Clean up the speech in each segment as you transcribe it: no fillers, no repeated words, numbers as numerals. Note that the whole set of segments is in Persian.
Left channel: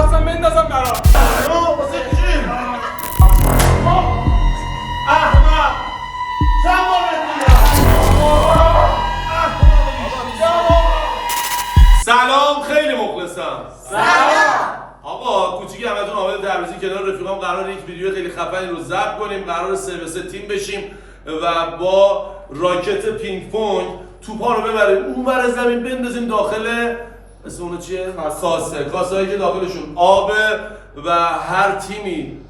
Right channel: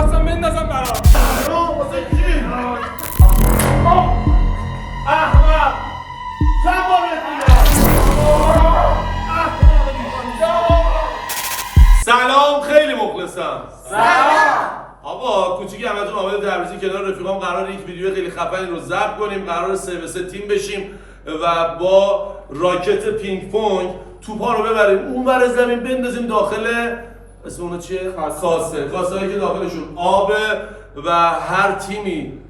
خواستم بندازم برات. واسه چی؟ احمد چند بار بهت میگم؟ سلام، خیلی مخلصم. سلام. آقا کوچیکی همتون آماده تبریزی کنار رفیقام قرار یک ویدیو خیلی خفنی رو ضبط کنیم. قرار 3-3 تیم بشیم و با راکت پینگ پونگ توپا رو ببریم اون ور زمین بندازیم داخل اسم اونو چیه؟ کاسه هایی که داخلشون آبه و هر تیمی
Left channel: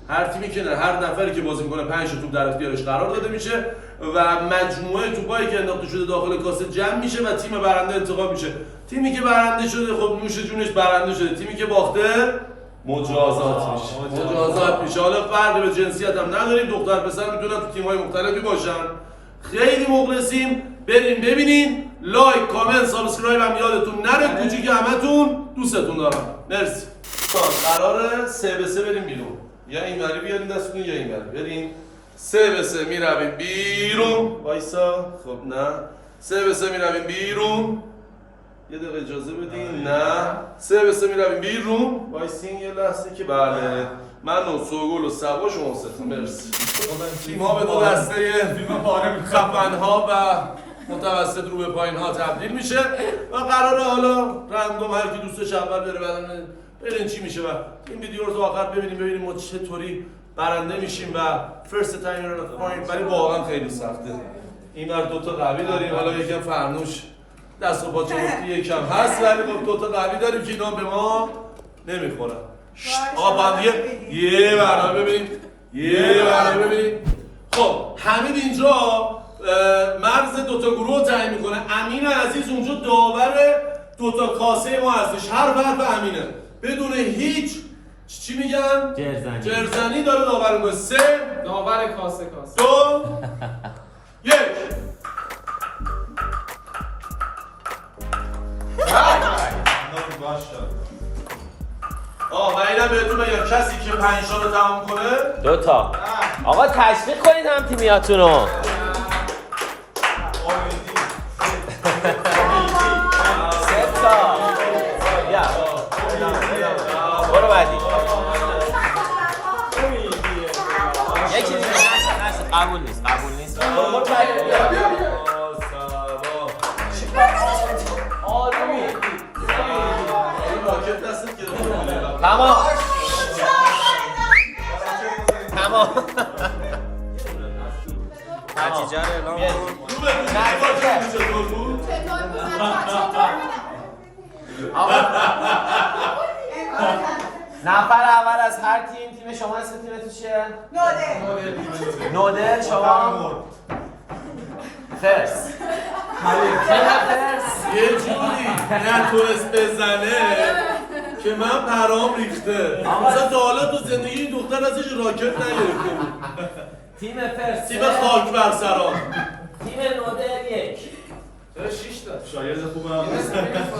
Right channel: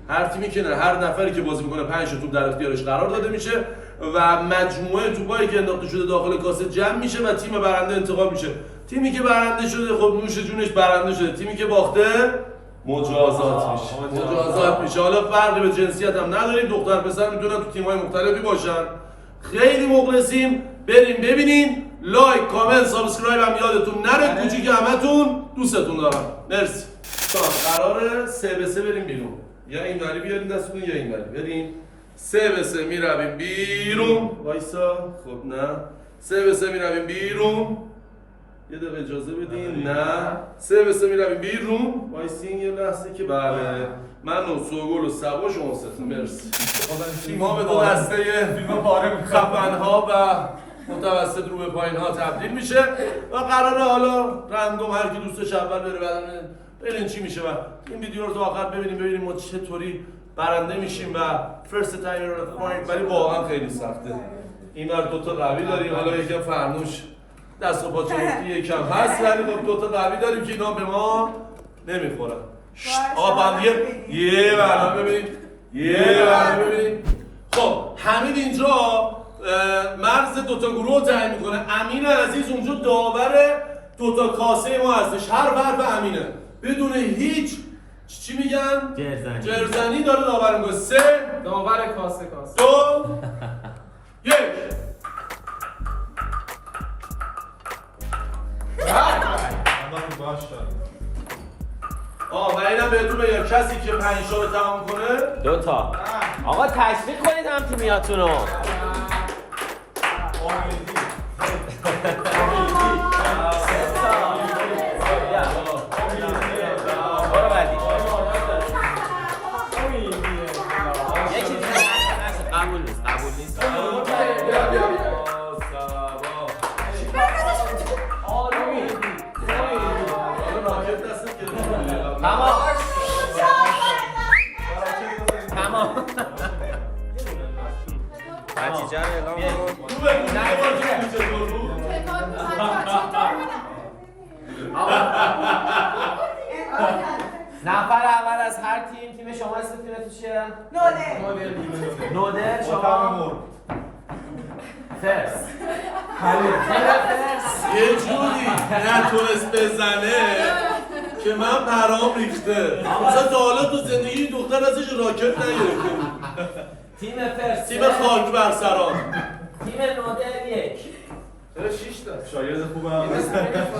که نه، هر نفری که بازی میکنه 5 توپ در اختیارش قرار داده میشه و مجموعه توپایی که انداخته شده داخل کاسه جمع میشه و تیم برنده انتخاب میشه. تیمی که برنده شده خب نوش جونش برنده شده، تیمی که باخته مجازات میشه. حالا فرقی به جنسیت هم نداریم، دختر پسر میتونن تو تیم‌های مختلفی باشن. خیلی مخلصیم، بریم ببینیم. لایک، کامنت، سابسکرایب هم یادتون نره. کوچیک همتون دوستتون دارم. مرسی. قراره 3-3 بریم بیرون. یا اینوری بیارین دستتون یا اینوری. بریم 3-3 میرویم بیرون. وایسا. خب نه. 3-3 میرویم بیرون. یه دقیقه اجازه بدین. نه. 3-3 میرویم بیرون. وایسین یه لحظه که بله. من و سوگل و سبا شما ستون. مرسی. تیم‌ها به دو دسته خفن‌ها و متوسط رو به پایین‌ها تبدیل میشه و قراره حالا رندوم هر کی دوستش اول بره بعدم ببینیم چی میشه و این ویدیو رو تا آخر ببینیم ما چطوری برنده میشیم و فرست تایم رو پوینت. ولی واقعا خیلی سخته. اینور دو تا قوی داریم، حالا یکم فرنوش دست و پاچه مفتی یکم هست، ولی خب دو تا قوی داریم که اینا به ما نمیخورن. آقا بندیه یه برنامه ببینیم. خب حمید اینجا مرز دوتا گروه تعیین میکنه. امین عزیز اونجا داور دوتا کاسه ما هستش. هر حرف امینه بدون هیچ چی میگن؟ جرزنی داره داور میکنه. 3 داور کاسه 2 1 و اینم بهتون بگم کسی که 5 تا رو تمام کنه 2 تا. آقا تشویق کنید هم تیمیاتون رو. نتیجه رو اعلام کن. نفر اول از هر تیم شما اسم تیمتون چیه؟ نوده. شما فرس. یه جوری نتونست بزنه که من پرام ریخته. مثلا تا حالا تو زندگی این دختر ازش راکت نگرفته بود. تیم فرس. تیم خاک بر سران. تیم نوده 1. چرا 6 تا؟ شاگرد خوبم.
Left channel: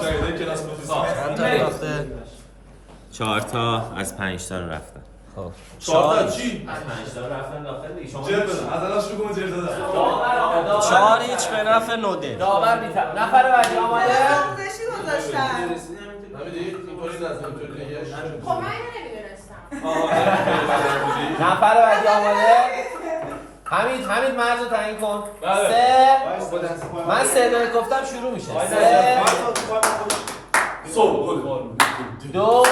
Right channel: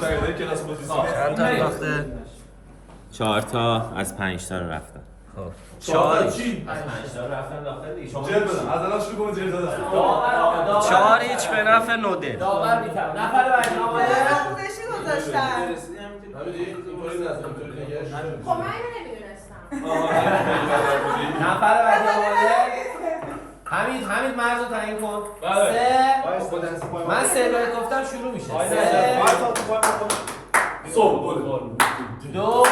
شاگرد کلاس موزیک. چند تا رفته؟ 4 تا از 5 تا رو رفتن. خب 4 تا چی؟ 5 تا رفتن داخل دیگه. شما جلب بزن. از الان شروع کنید جلب دادن. داور 4 هیچ به نفع نوده. داور میتونه. نفر بعدی آماده. آموزشی گذاشتن. خب من اینو نمیدونستم. نفر بعدی آماده. حمید مرز رو تعیین کن. 3 من 3 گفتم شروع میشه. 2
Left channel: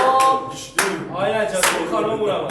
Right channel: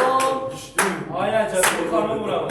آیا چطور کارو برام؟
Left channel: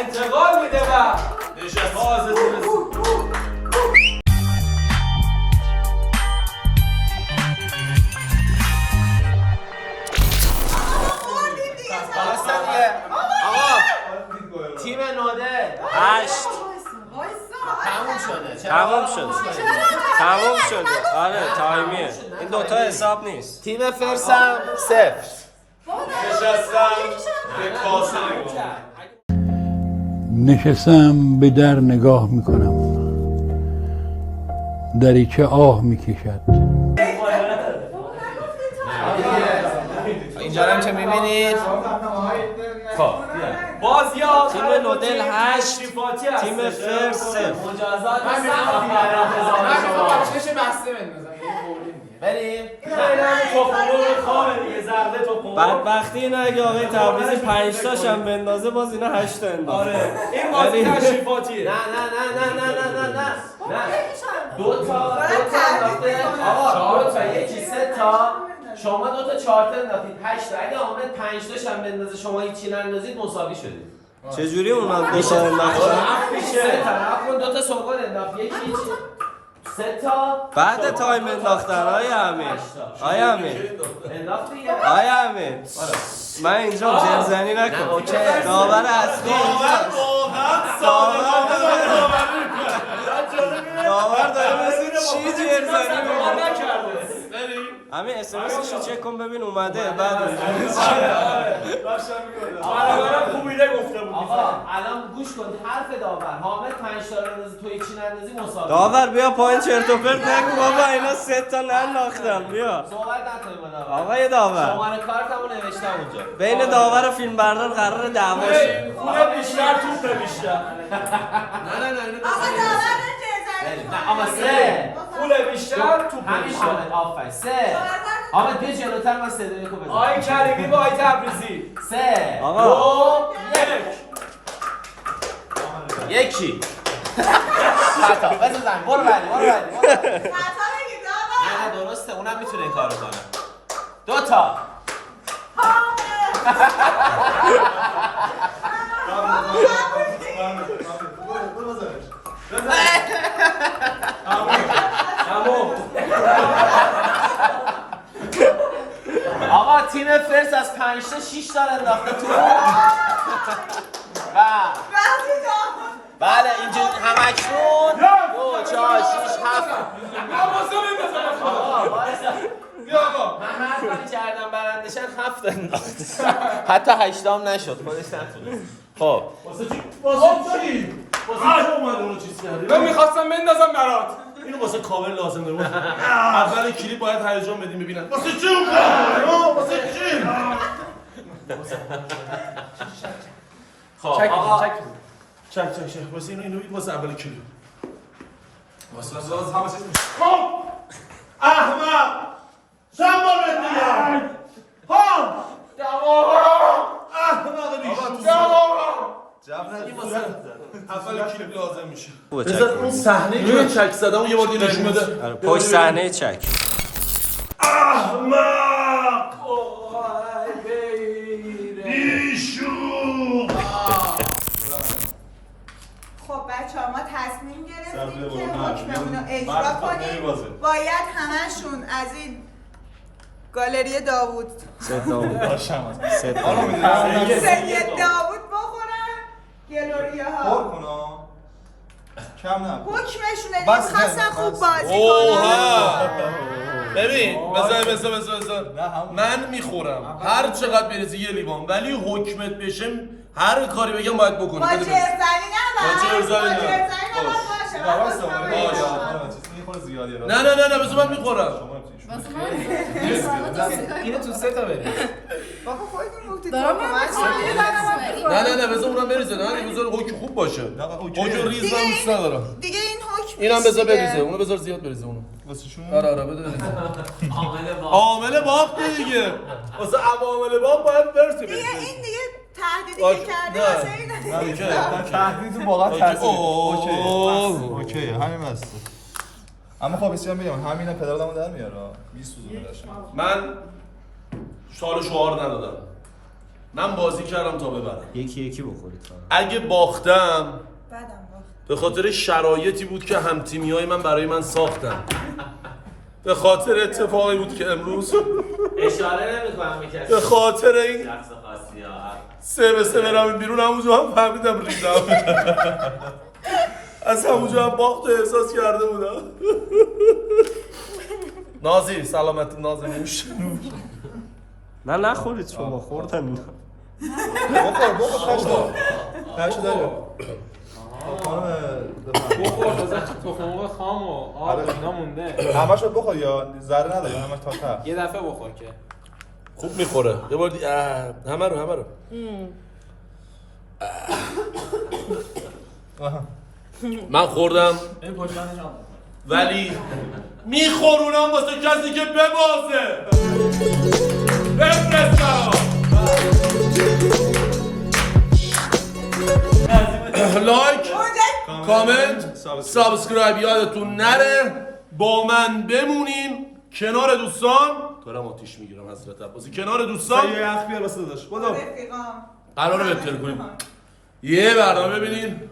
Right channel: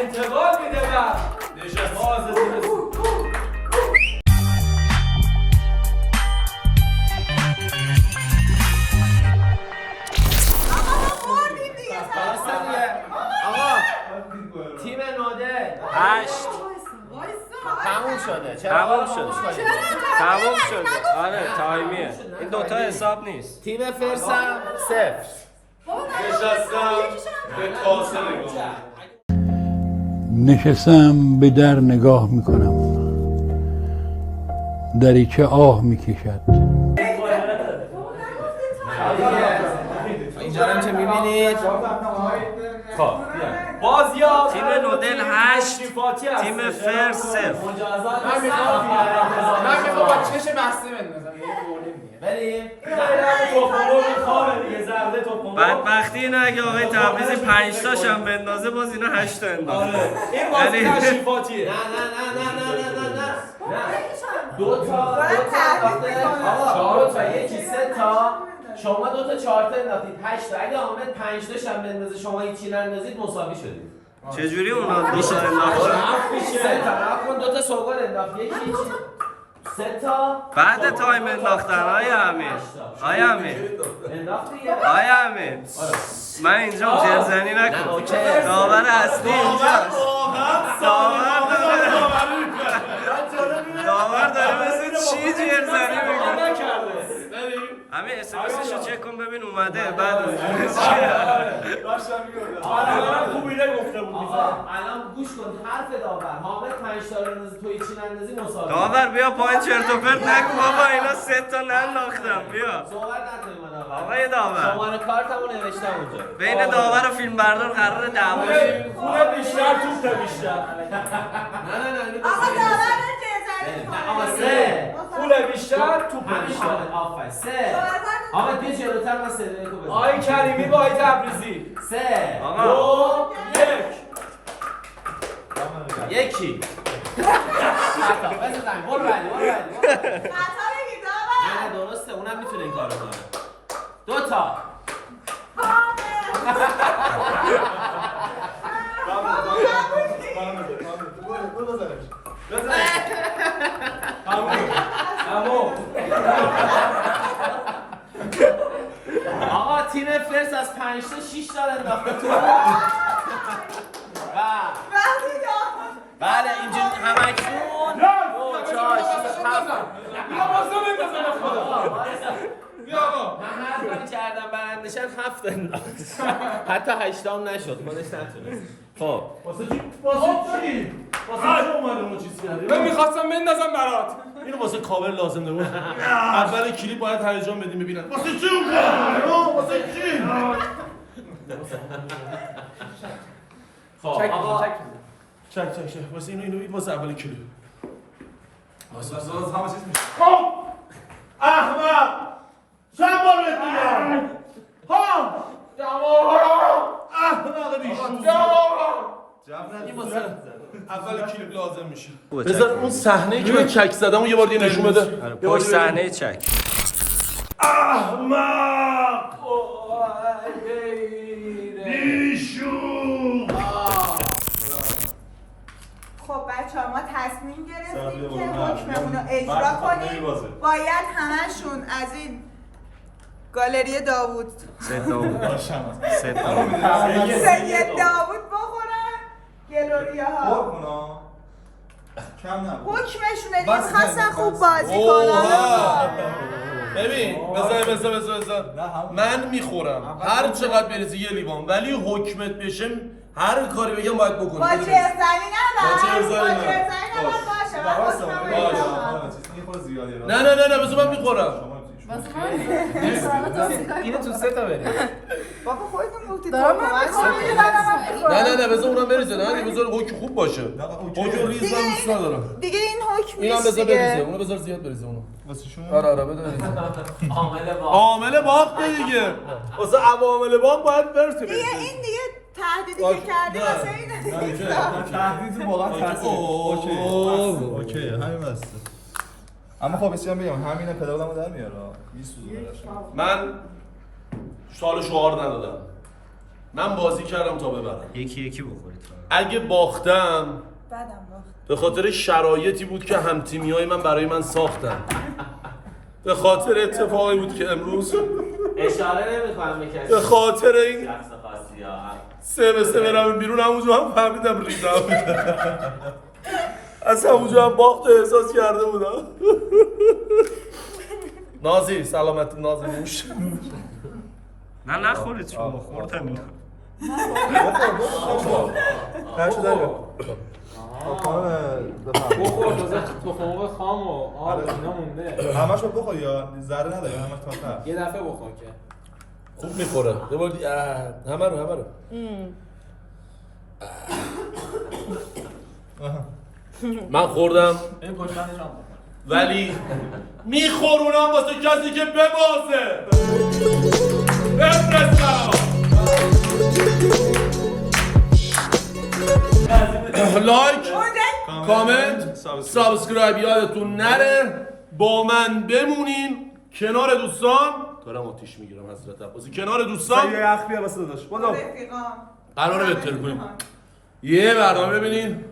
انتقال میده و 8 تموم شده. تموم شد تموم شده آره تایمیه این دوتا حساب نیست تیم فرسم 0. نشستم به کاسه نگاه نشستم به در نگاه میکنم دریچه آه میکشد اینجا هم که میبینید خب باز یا تیم نودل 8 تیم فرس 0 مجازات من میخوام با چش بسته بندازم بریم بدبختی اینه اگه آقای تبریزی 5 تاشم بندازه باز اینا 8 تا اندازه این بازی تشریفاتیه. نه دو تا آقا 4 تا یکی 3 تا شما 2 تا 4 تا انداختید 8 تا اگه حامد 5 تاش هم بندازه شما هیچی نندازید مساوی شدید چجوری اونا دو تا انداختن 3 تا اون 2 تا سوگل انداخت یکی هیچی 3 تا بعد تایم انداختن آیا امیر آیا امیر انداخت دیگه آیا امیر من اینجا جرزنی نکن داور اصلی اینجا داور داره مثل چی جرزنی میکنه همین اسمسش رو چک کن ببین اومده بعد خوبیده گفته بود. الان گوش کن حرف داور حامد 5 تا بندازه تو هیچی نندازی مساوی داور بیا پایین چرت و پرت نگو بابا اینا 3 تا ننداختم بیا صحبت نکنیم با آقای داور شماره کارتمو نوشتم اونجا بین داور و فیلم بردار قرار دعوا شه خونه بیشتر توپ بیشتر. نه آقا داور جزایی آقا 3 پول بیشتر توپ همین بیشتر. آفر 3 آقا بیا جلوتر من صدای خوب بزنم آقای کریمی با آقای تبریزی 3 آقا 2 1 یکی بزن برو بعدی خطا بگی داور نه درسته اونم میتونه این کارو کنه 2 تا تمام. آقا تیم فرس از 5 تا 6 تا انداخته تو بله اینجا همکنون 2 4 6 7 من هر کاری کردم برندشن 7 انداخت حتی 8 هم نشد خودش نتونست خب واسه چی اومد اونو چیز کردی من میخواستم بندازم برات. اینو واسه کاور لازم داره اول کلیپ باید هیجان بدیم ببینن واسه چی اومد واسه چی خب آقا چک واسه اینو واسه اول کلیپ همه چیز میشه. خب احمد چند بار بهت میگم ها احمد بیشور این واسه اول کلیپ لازم میشه بذار اون صحنه که من چک زدم یه بار دیگه نشون بده پشت صحنه چک احمق بیشور خب بچه ها ما تصمیم گرفتیم که حکممون رو اجرا کنیم باید همشون از این گالری داوود سید داوود بخورن گلوریه ها کم نه حکمشونه دیگه میخواستن خوب بازی کنن ببین بذار من میخورم هر چقدر بریزی یه لیوان ولی حکمت بشه هر کاری بگم باید بکنی با جرزنی با جرزنی باشه نه بذار من میخورم اینو تو 3 تا بریم بابا خودتون گفتید نه بذار اونم بریزه نه بذار حکم خوب باشه حکم ریز من دوست ندارم دیگه این حکم اینم بذار دیگه. بریزه اونو بذار زیاد بریزه اونو واسه شون آره بده بریزه عامل باخته دیگه واسه عوامل باخت باید برسه دیگه بریزه این دیگه تهدیدی که کردی واسه این تهدید واقعا تاثیر اوکی همین بس اما خب بسیار بگم همینا پدر آدمو در میاره میسوزونه من سال شعار ندادم من بازی کردم تا ببرم یکی بخورید اگه باختم بدم باخت به خاطر شرایطی بود که همتیمیای من برای من ساختن به خاطر اتفاقی بود که امروز اشاره نمی‌کنم به کسی به خاطر این شخص خاصی ها 3-3 برم بیرون همونجا هم فهمیدم ریدم از همونجا هم باخت و احساس کرده بودم نازی سلامت نازی موش نه نخورید شما خوردم اینا بخور پشت داره بخور تازه تخمق خام و آب اینا مونده همش رو بخور یا ذره نداره همش تا ته یه دفعه بخور که خوب میخوره یه بار همه رو من خوردم این پشتنش هم ولی میخورونم واسه کسی که ببازه بفرست برام لایک کامنت سابسکرایب یادتون نره با من بمونین کنار دوستان دارم آتیش میگیرم حضرت عباسی کنار دوستان یه یخ بیار واسه داداش بدو قراره بهتر کنیم یه برنامه ببینین